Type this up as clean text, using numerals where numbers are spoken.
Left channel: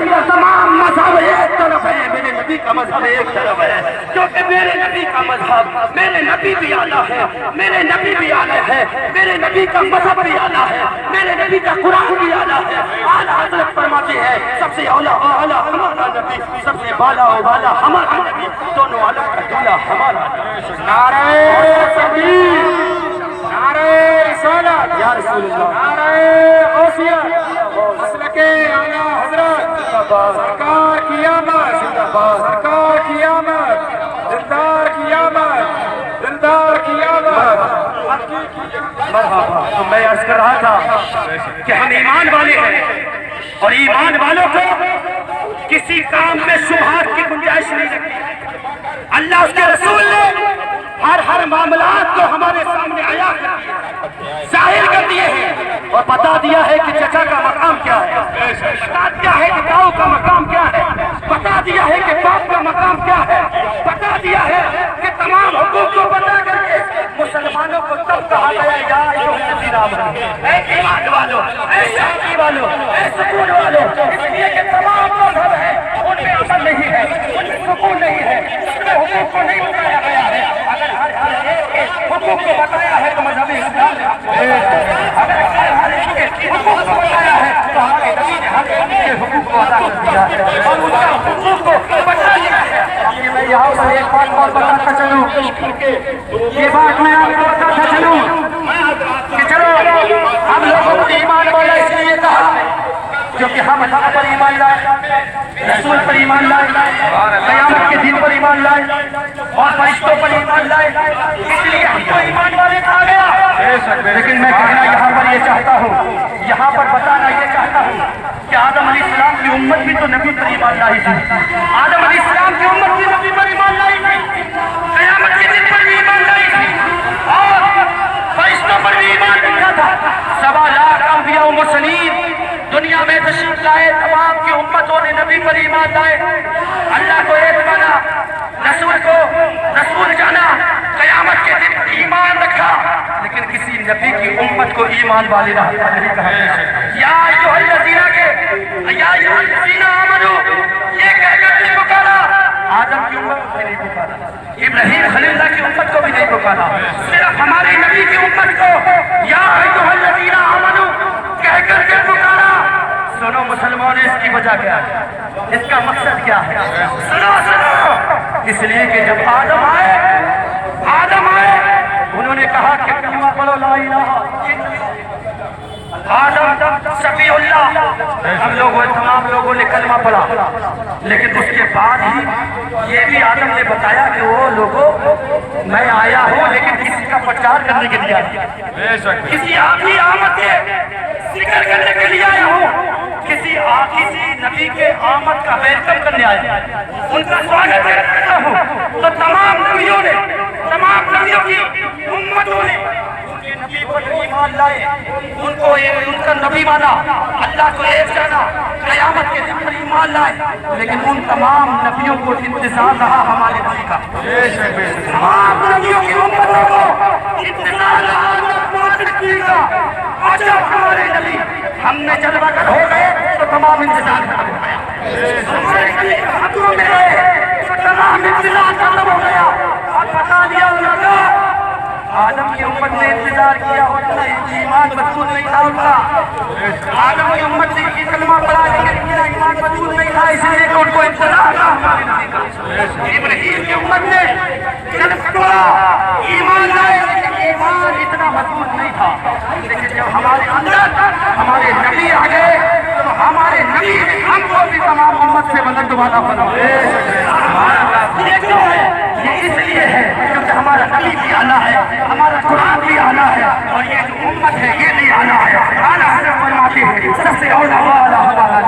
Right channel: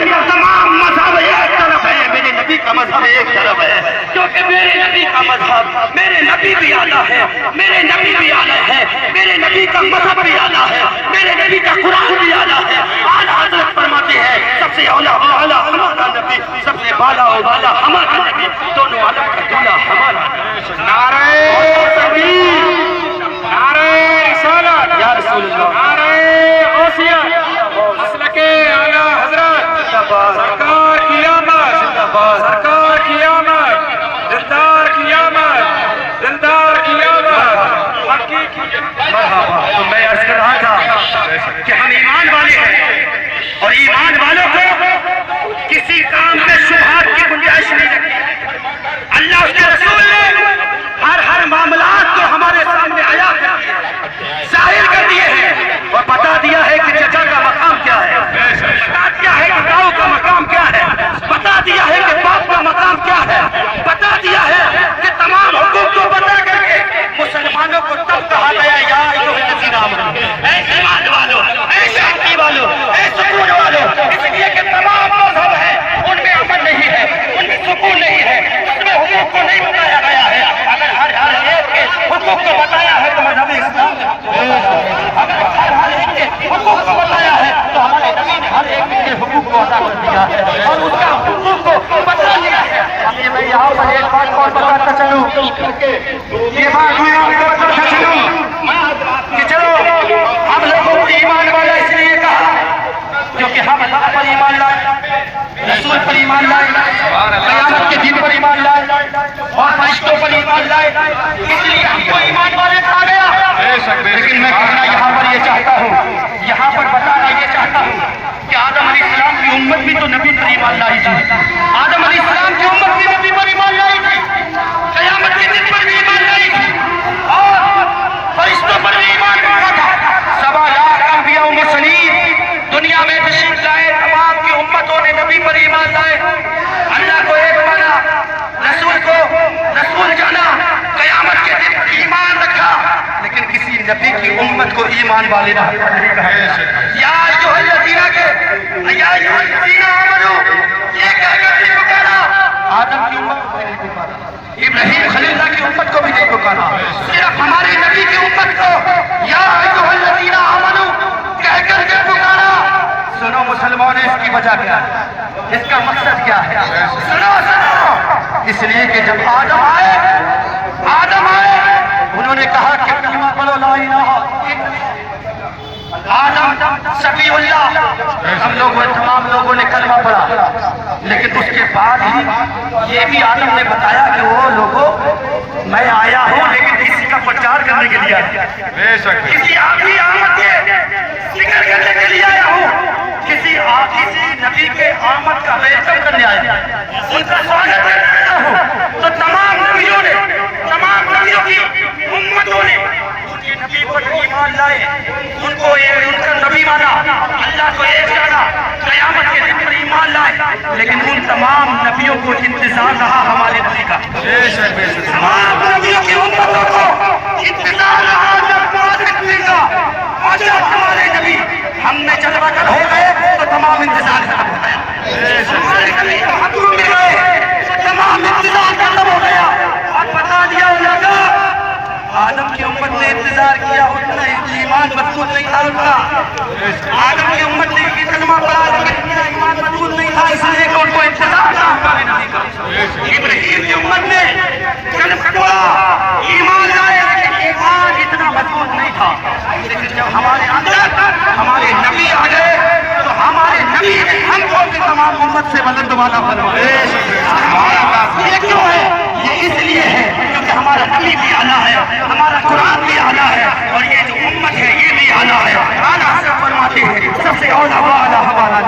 تمام مذہب ایک طرف ہے، میرے نبی کا مذہب ایک طرف ہے، کیونکہ میرے نبی کا مذہب، میرے نبی بھی اعلیٰ ہے، میرے نبی بھی اعلیٰ ہے، میرے نبی کا مذہب بھی اعلیٰ ہے، میرے نبی کا قرآن بھی اعلیٰ ہے۔ اعلیٰ حضرت فرماتے ہیں سب سے اولا و اعلیٰ ہمارا نبی، سب سے بالا و بالا ہمارا نبی، دونوں عالم کا دولہ ہمارا نبی۔ نعرہ تکبیر، نعرہ رسالت، یا رسول اللہ، نعرہ غوثیت، مسلک اعلیٰ حضرت، سرکار کی آمد، سرکار کی آمد، دلدار کی آمد، دلدار کی آمد، حقی کی آمد۔ مرحبا۔ تو میں عرض کر رہا تھا کہ ہم ایمان والے ہیں، اور ایمان والوں کو کسی کام میں شبہات کی گنجائش نہیں رکھی۔ اللہ اس کے رسول نے ہر معاملات کو ہمارے سامنے آیا ظاہر کر دیے ہیں، اور بتا دیا ہے کہ چچا کا مقام کیا ہے، بتا دیا ہے کہ تاؤ کا مقام کیا ہے، بتا دیا ہے کہ باپ کا مقام کیا ہے، بتا دیا ہے کہ تمام حقوق کو بتا کر کے مسلمانوں کو تب کہا گیا یا ایھا الذین آمنوا، اے ایمان والو، اے شانتی والو، اے سکون والو، اس لیے کہ تمام مذہب ہے ان میں امن نہیں ہے، ان میں سکون نہیں ہے، اس میں حقوق کو نہیں بتایا گیا ہے۔ اگر ہر ایک کے حقوق کو بتایا ہے تو مذہب اسلام نے حقوق کو بتایا ہے، اگر ہر ایک کے حقوق کو بتایا ہے تو ہمارے نبی نے ہر ایک کے حقوق کو ادا کر دیا ہے اور اس کا حقوق کو بتا دیا ہے۔ اب یہ میں یہاں پر ایک بات اور بتاتا چلوں، یہ بات میں آپ کو بتاتا چلوں کہ چلو ہم لوگوں کو ایمان والا اس لیے کہا کیونکہ ہم حق پر ایمان لائے، رسول پر ایمان لائے، قیامت کے دن پر ایمان لائے اور فرشتوں پر ایمان لائے، اس لیے ہم کو ایمان والے کہا گیا۔ لیکن میں کہنا یہاں پر یہ چاہتا ہوں، یہاں پر بتانا یہ چاہتا ہوں کہ آدم علیہ السلام کی امت بھی تو نبی پر ایمان لائی تھی، آدم علیہ السلام کی امت بھی نبی پر ایمان لائی تھی، قیامت کے دن پر بھی ایمان لائی تھی اور فرشتوں پر بھی ایمان لایا تھا۔ 7 لاکھ انبیاء و مرسلین دنیا میں تشریف لائے، تمام کی امتوں نے نبی پر ایمان لائے، اللہ کو ایک مانا، رسول کو رسول جانا، قیامت کے دن ایمان رکھا، لیکن کسی نبی کی امت کو ایمان والے نہیں کہا۔ یا ایھا الذین آمنوا، یہ کہہ کر نہیں پکارا، آدم کی امت کو بھی نہیں پکارا، ابراہیم خلیل اللہ کی امت کو بھی نہیں پکارا، صرف ہمارے نبی کی امت کو یا ایھا الذین آمنوا کہہ کر کے پکارا۔ سنو مسلمان، اس کی وجہ کیا ہے، اس کا مقصد کیا ہے؟ سنو سنو، اس لیے کہ جب آدم آئے انہوں نے کہا کہ کلمہ پڑھو لا الہ، آدم صفی اللہ، تمام لوگوں نے کلمہ پڑھا، لیکن اس کے بعد ہی یہ بھی آدم نے بتایا کہ وہ لوگوں میں آیا ہوں لیکن کسی کا پرچار کرنے کے لیے آیا، کسی آخری آمد کے ذکر کرنے کے لیے آیا ہوں، کسی نبی کے آمد کا ویلکم کرنے آیا، ان کا سواگت کرنے آیا ہوں۔ تو تمام نبیوں کی امتوں نے ان کے نبی پر ایمان لائے، ان کا نبی مانا، اللہ کو ایک جانا، قیامت کے دن پر ایمان لائے، لیکن ان تمام نبیوں کو انتظار رہا ہمارے نبی کا، تمام نبیوں کی امتوں کو انتظار رہا نبی کا، اور جب ہمارے نبی ہم میں جلوہ گر ہو گئے تو تمام انتظار ختم ہو گیا، ہمارے نبی حکم میں گئے تو تمام انتظار ختم ہو گیا، اور بتا دیا لگا آدم کی امت نے انتظار کیا، اتنا ایمان مضبوط نہیں تھا ان کا، آدم کی امت نے کلمہ پڑھا لیکن اتنا ایمان مضبوط نہیں تھا، اس لیے کہ ان کو انتظار تھا ہمارے نبی کا۔ ابراہیم کی امت نے کلمہ پڑھا، ایمان لائے، لیکن ایمان اتنا مضبوط نہیں تھا، لیکن جب ہمارے اندر ہمارے نبی آ گئے تو ہمارے نبی ہم کو بھی تمام امت سے بلند والا فرمائے۔ یہ کیوں ہے؟ یہ اس لیے ہے کیونکہ ہمارا نبی بھی اعلیٰ ہے، ہمارا قرآن بھی اعلیٰ ہے، اور یہ جو امت ہے یہ بھی اعلیٰ ہے۔ اعلیٰ حضرت فرماتے ہیں سب سے اولیٰ و اعلیٰ ہمارا